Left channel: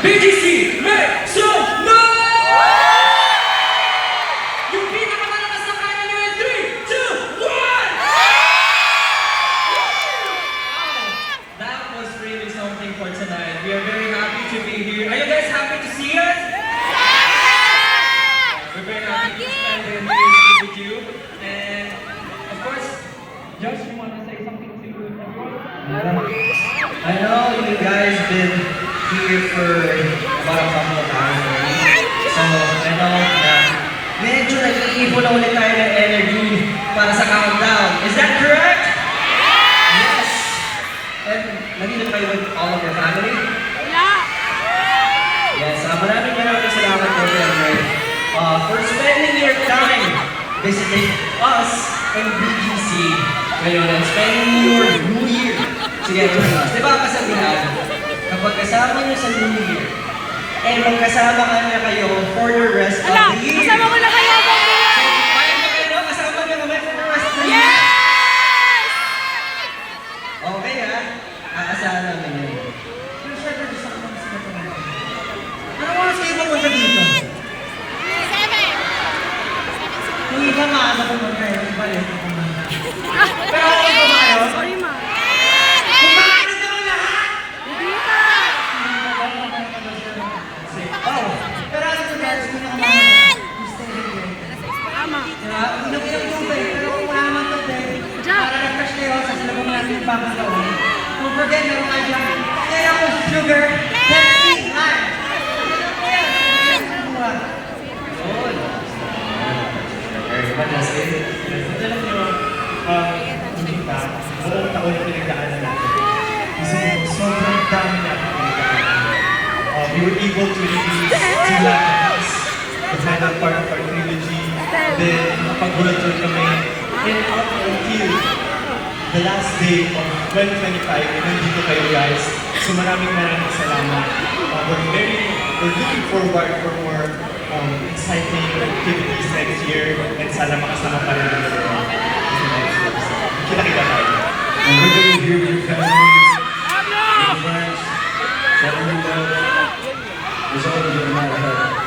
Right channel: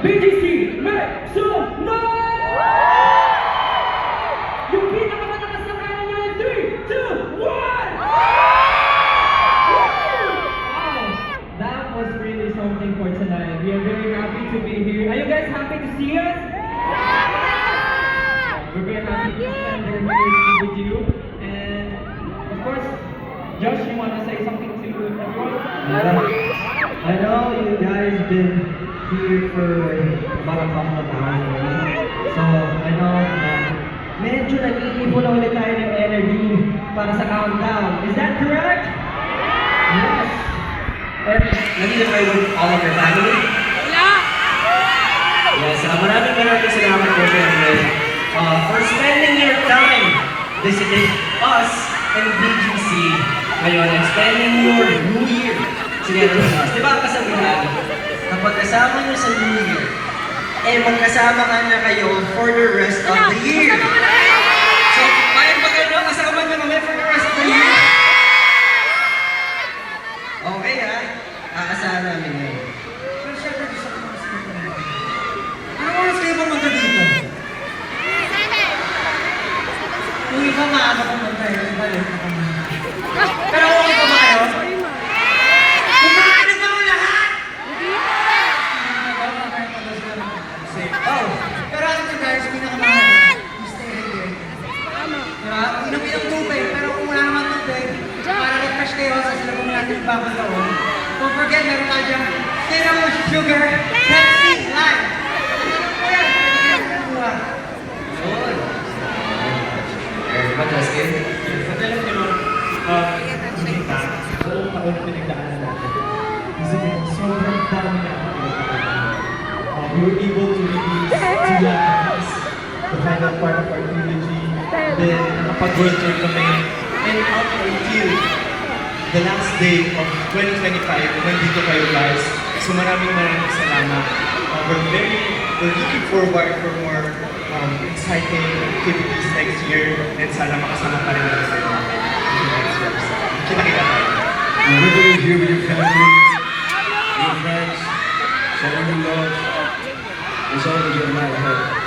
BGC, make some noise! Yung pinakamalakas na kaya nyo in 3, 2, 1! Wow! That was really something for tonight. We are very happy to be here. Are you guys happy to see us? We're very happy to spend the New Year's Eve with you. And of course, Josh, you want to say something to everyone? I know you guys been here for about a couple of hours already. So, I know na medyo nag-iipon na ulit tayo ng energy para sa countdown. Is that correct? Yes! And nandito kayo with all of your family? Yes, maraming salamat po siyempre for spending your time visiting us and BGC ngayon and spending your New Year together with us. Di ba ang kasabihan, kapag kasama nyo sa New Year, eh magkasama ka na kayo for the rest of the year. So, kaya ba kayo kasama nyo kami for the rest of the year? Okay ha, aasahan namin yun. Pero syempre gusto ko mag-spend ko na. Anong oras kayo pumunta dito? Kung iba maano kung mag-kayo, iba yun kung kumanta. Pero okay pa ba kayo? Kumain na kami lahat! Oh, pero alam nyo guys, pinakamahal. You stay hydrated. Diba? Inom-inom tubig, pero kung wala naman tubig, para refresh kayo sa silabong natin yung bagong taon. Don't forget, meron kayo dyan. Zero sugar, Pepsi, lime. Ano po yan? Buwan. Yun. Justin, alam nyo, kita, buong taon na pinagdaanan natin. Kasi sobrang dami natin pinagdaanan. We were able to release Sila Kahas, the final part of our trilogy, then nakapag-world tour kami, and up until the last day of 2025, and nandito kayo guys. So maraming salamat. We're looking forward for more exciting activities next year, and sana makasama pa rin natin sa next year. Kita-kita tayo. We're going to be here with your family, your friends, sharing your love. There's always a night ahead.